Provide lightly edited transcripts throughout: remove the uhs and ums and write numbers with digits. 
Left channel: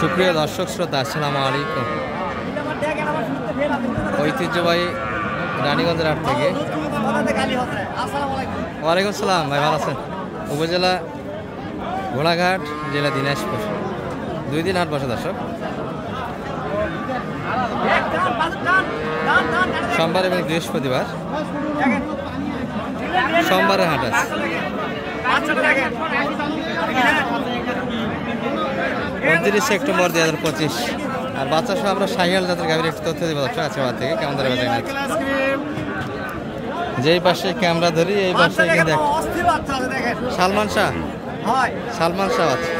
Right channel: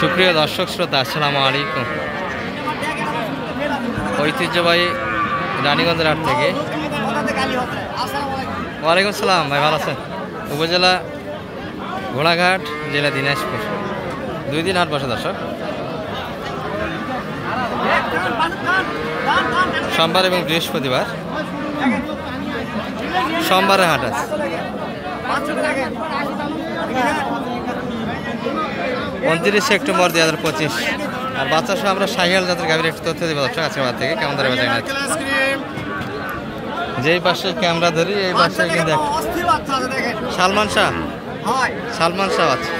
সুপ্রিয় দর্শক শ্রোতা, আসসালামু আলাইকুম। ঐতিহ্যবাহী রানীগঞ্জের হাট থেকে। ওয়ালাইকুম আসসালাম ভাই, ভালো আছেন? উপজেলা ঘোড়াঘাট, জেলা দিনাজপুর। 2 দিন হাট বসে দর্শক, সোমবার এবং বৃহস্পতিবার। সোমবারে হাট আছে। 29 সেপ্টেম্বর 2025। আর বাচ্চা সহ আমরা শাহিয়াল জাতের গাভীর একটু তথ্য দেবো দর্শক আজকের বাদ থেকে। কেমন ধরে বেচা কিনা? যেই পাশে ক্যামেরা ধরি এই পাশে দেখ সালমান শাহ। সালমান শাহ আছে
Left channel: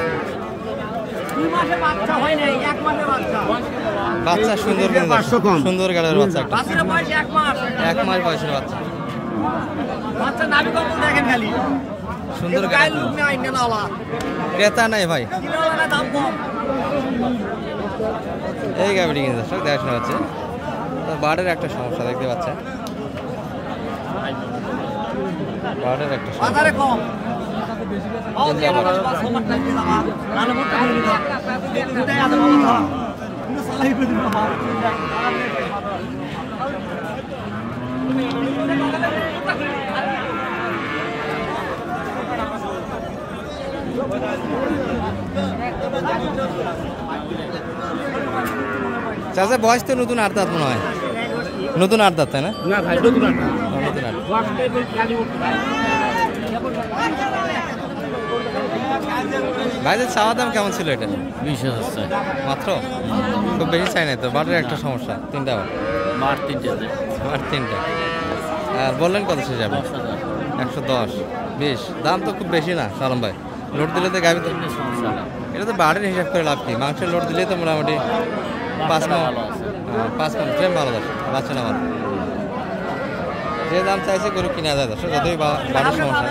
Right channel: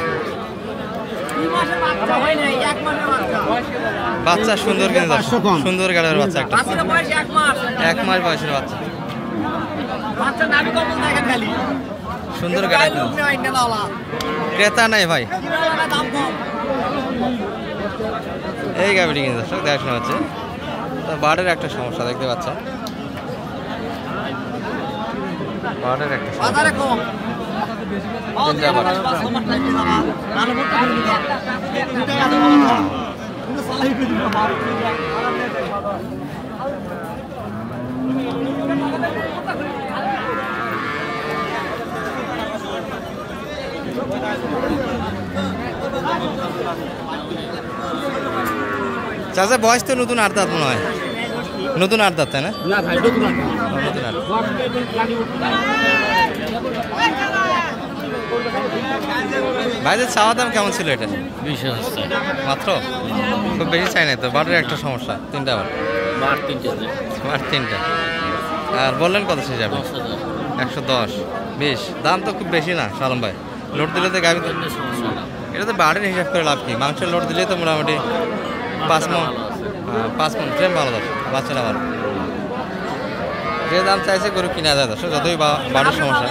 বাচ্চা, সুন্দর কিন্তু সুন্দর গাড়ির বাচ্চা, একটা 1 মাস বয়সের বাচ্চা, সুন্দর গাড়ি। ক্রেতা নাই ভাই, এই গাড়িটি কিনে দর্শক দেখাশোনা হচ্ছে। বার্ডের একটা সমস্যা দেখতে পাচ্ছেন, বার্ডের একটা সমস্যা। 3টা বার্ড। চাচা বয়স তো নতুন 8 দাঁত মনে হয়, নতুন 8 দাঁত তাই না? নতুন 8। ভাইদের চাওয়া দাম কেমন ছিল এটা? 20,000 মাত্র, খুব বেশি চাই নাই তো। বাটের একটা সমস্যা, 3টা বার, মাঠ 3টা। আর বললেন কত শেষ যাবে? 110। 20 দাম তো খুব বেশি না সালম ভাই। লোড দিলে তো গাভি, এটা তো বাড়ির হিসাব করে লাভ কি? মাংসের লোড দিলে তো মোটামুটি 5 মণ, 5 মণ ফ্রেম ভালো যাবে, বাচ্চাটা ভালো। যে দাম চাইছে গরু কিনা যায় দর্শক, যতই বাড়ির সমস্যা।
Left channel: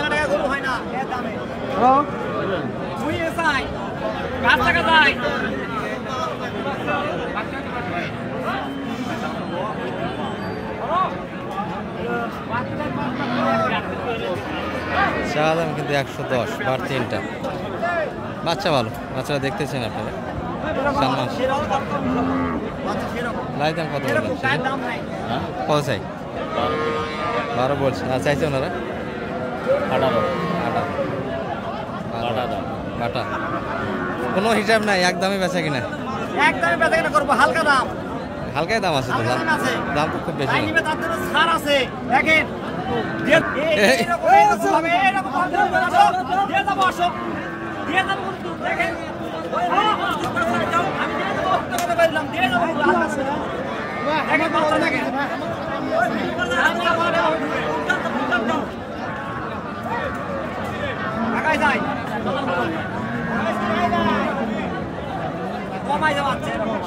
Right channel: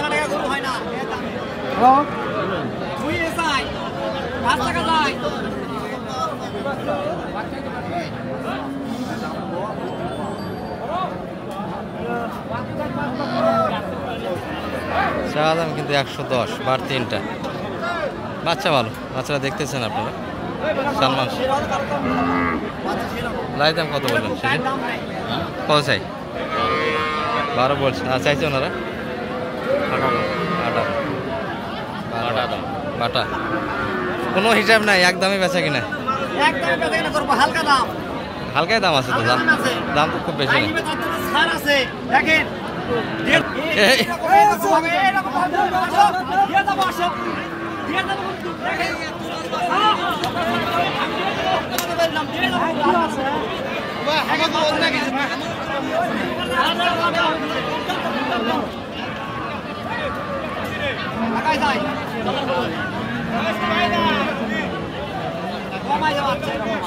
চা দাম কিন্তু 110, বার 3টা। বাচ্চা ভালো, বাচ্চারা দেখতেছেন আপনারা। সালমান লাই দাম কত বললেন? কত চাই? 12 বলছে। আর চাইছে ওনারা 18। বাটা কোনো হিসাব নাই, একদমই বেচা কিনা? হালকাই দাম আছে তো, দাম তো খুব বেশি না।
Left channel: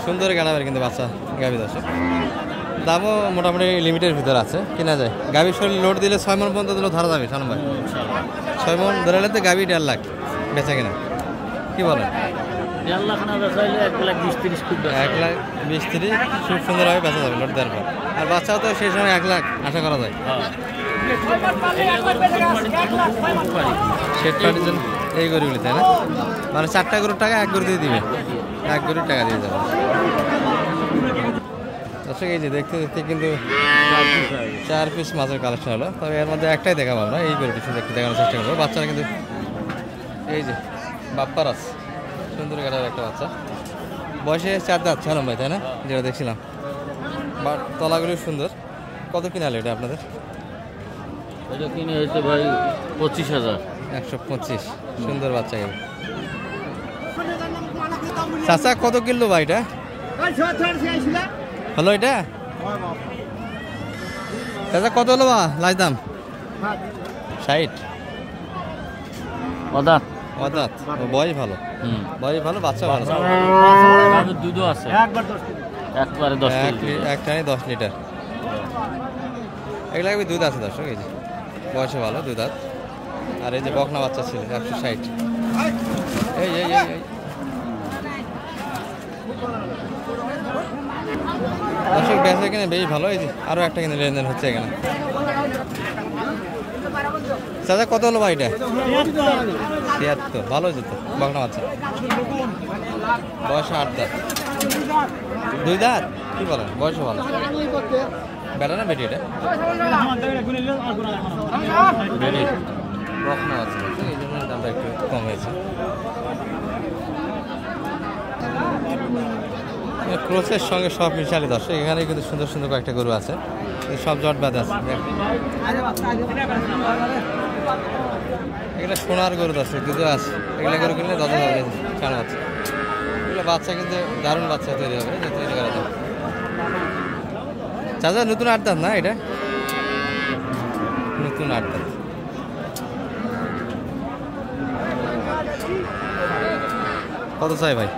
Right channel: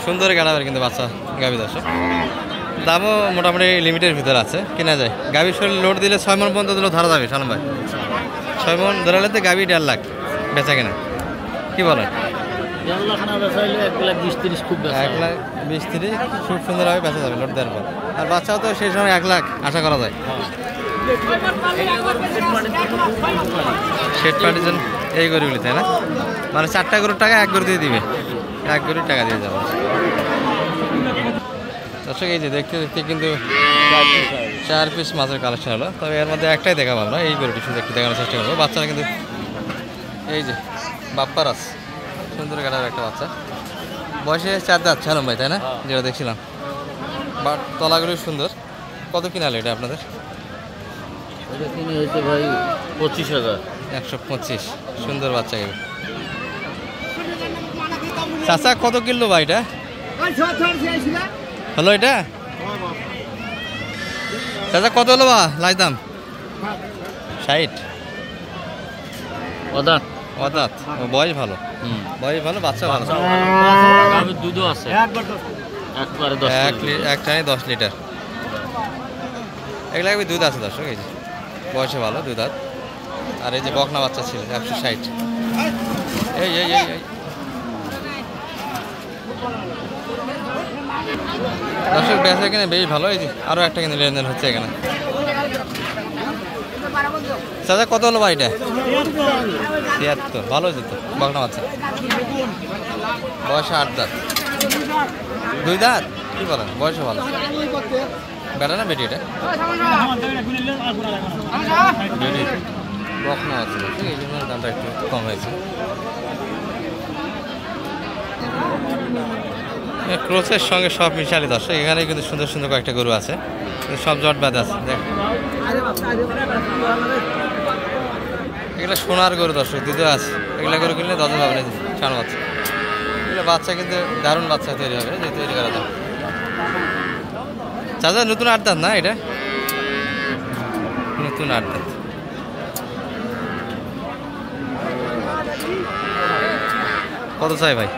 সুন্দর গাড়াবের কিন্তু বাচ্চা গাভী দর্শক, দামও মোটামুটি লিমিটের ভিতরে আছে, কেনা যায়। গাভীর শরীর লোড দিলে 6 মণ পর্যন্ত দিলেও ধরা যাবে সালম ভাই। 6 মণ ধরালে তো গাভী 1.5 লাখ বেচা কিনা, কি বলেন? 1.5 লাখ না বেচাইলে 1,20,30 খুব 1,20,30 খুব সুন্দরভাবে বেচা যাবে লোড দেওয়ার পর। আর বাচ্চাও তো সেই সময় 1 লাখ আশা করা যায়। শেড পার্টির জন্য এই গরুগুলি তাই না? মানে 4টা গরুর টাকা 1 গরু দিয়ে দিবে, 1 গরুর টাকা দিয়ে যাবে দর্শক। এই যে দেখতে দেখতে কিন্তু 4 পিস মাছের কালেকশন হলো, তবে এর মধ্যে একটাই দেখাবো আমরা। এই গরুটি শুধু একটু দেখানোর চেষ্টা করবো। বাচ্চারা কিন্তু এই যে বাপ্পারাস, সুন্দর কাটার একটা বাচ্চা, বয়সে 4 দাঁত ছাড়ম ভাই তাই না? যেটা দেখছিলাম, বাট তলাগুলি সুন্দর। কত কিনা হলো এটা আপনাদের? ওটা কিনে হয়েছে ভাই 25,000। 125। সুন্দর বাচ্চা গাবি। চাচা কত কিলো ভাই এটা হলো? এটা চাচা কত হলো বা লাই দাম? 60। অদাত অদাত, বয়স ভালো, বয়স ভালো, বাচ্চা ভালো, দুধও আছে একবারে 10 লিটার। এগুলা দুধ আছে দর্শক। এই যে বয়সে ভালো, 2 দাঁত। আর এই যে বকনা বাচ্চা ছিল 160। এই এই এই এই দর্শক বেচা কিনে বেশ ভালো। এই যে আরো একটা কিন্তু লেনদেন হচ্ছে এখানে। চাচা কত হলো ভাই এটা? 76। ভালো যেত বকনা বাচ্চা। বয়সে 8 দাঁত, 2 দাঁত কি বলেন? বয়সে ভালো, বেটা না বেটি? এটা বকনা আছে, এই জন্য দামটা একটু কম হয়েছে। ক্রসের সঙ্গে সব মিশালি দর্শক, এখানে কিন্তু সুন্দর সুন্দর কয়েকটা গরু আছে, সব জট বাঁধা আছে। দেখ এগুলো সোনার গরু দর্শক, দুধও আছে। এগুলো গরু কিনলে 10 হবে না, 4 বাচ্চা। এগুলো বাচ্চা কিন্তু দারুণ বাচ্চা তৈরি হবে, যে তৈরি করা যায়। চাচা নতুন 8 দাঁত না? এটা নতুন 8 দাঁত। কত চাই ভাই?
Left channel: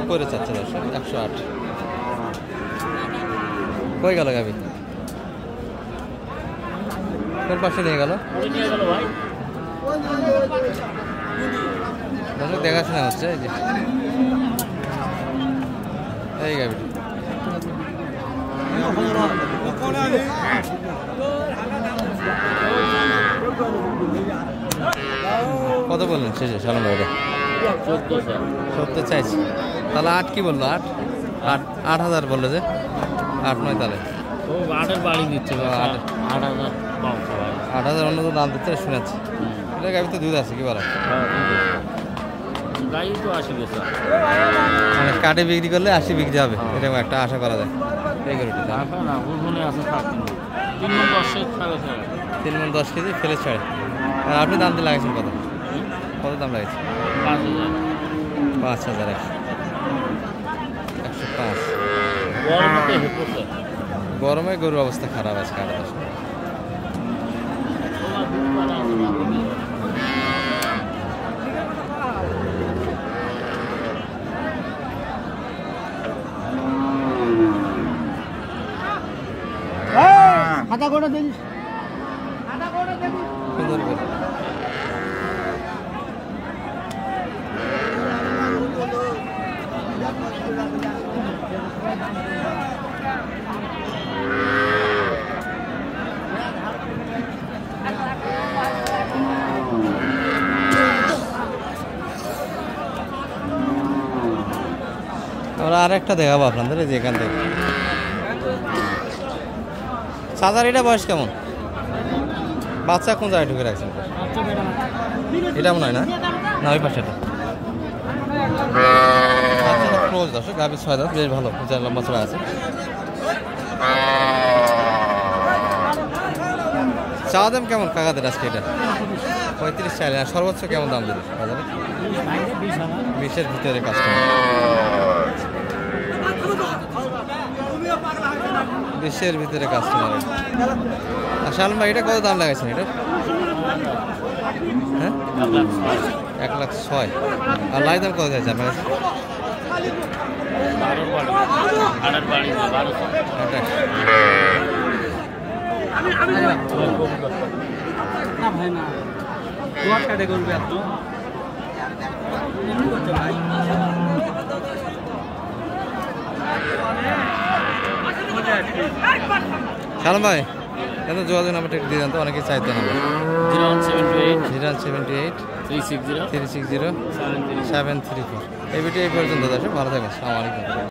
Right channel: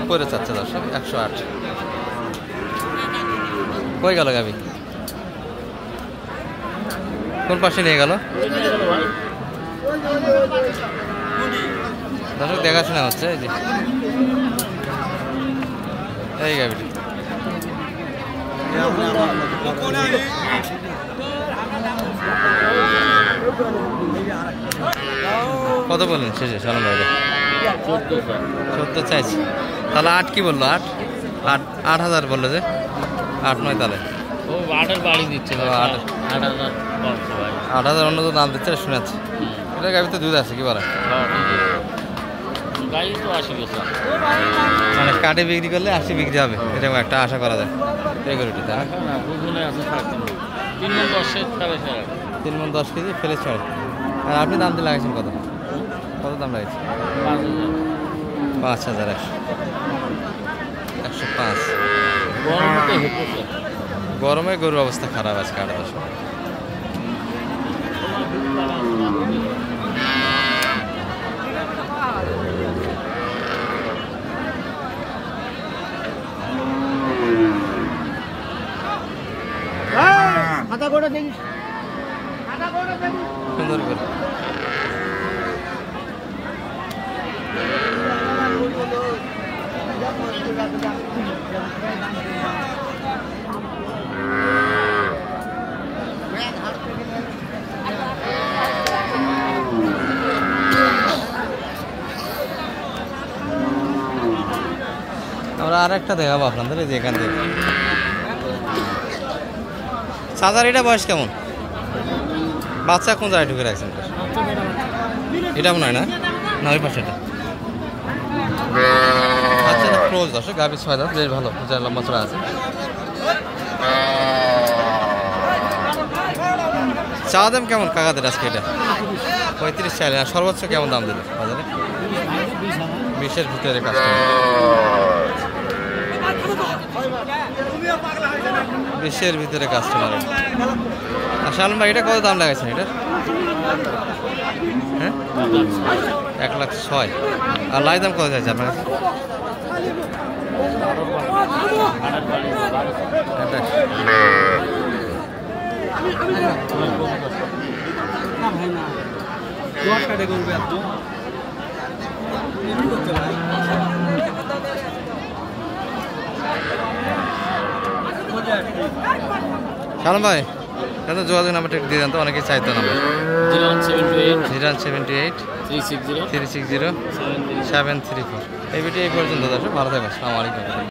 উপরে চাচ্ছে দর্শক 108। কই গেল গাবি? কোন পাশে নিয়ে গেল দর্শক? দেখাশোনা হচ্ছে। এই যে এই গাবিটি কত বললেন শেষে সালাম ভাই? 14 চাইছি। তাহলে 8 কি বললো? 8,000 বললো যে 8-9 তাহলে 8,000 দিচ্ছে। 8,000 অন্য তো দাম দিচ্ছে শুনেছি। এটা গাবিতে দুধ আছে কি বলে? মানে কাটে বিক্রি করলে 80 বিক্রি হবে, এরকম একটা আশা করা যায় এই গরুটি, তাই না? 3 মণ 10 কেজি ফেলে ছাড়ে। আর আপনি দাম দিয়ে লাগাইছেন কত? কত দাম লাগাইছে? 5,000। 105। গরমে গরুর অবস্থা খারাপ আছে কাটা দশ। সুন্দর করে আমরা আরেকটা দেখাবো আপনাদের, এই যে এখান থেকে। সাদার এটা বয়স কেমন? বাচ্চা কোন জায়গায় ঢুকে রাখছেন? এটা মনে হয় না, না ওই পাশেটা। আচ্ছা এটা ক্লোজ দর্শক, গাভীর 6 দাঁত, বেশ ভালো, লম্বা চড়া আছে। চা দাম কেমন কাকাদের আজকে? এটা 35 চাইলে। আর সর্বোচ্চ কেমন দাম দিল বাজারে? 20-এর ভিতরে কাস্টমার, 20-এর ভিতরে কাস্টমার। আর শালম ভাই এটা কত দাম লাগাইছেন এটা? হ্যাঁ 1,06,000। আর লাই দাম কত চাইছে আপনার কাছে? 28। শালম ভাই এত যোগাযোগ নাম্বারটা একটু দিয়ে দেন তো, অনেকে চাইতো নাম্বার। 0178 360 734। এই ভিডিও এই পর্যন্ত দর্শক, ভালো থাকবেন, আসসালামু আলাইকুম।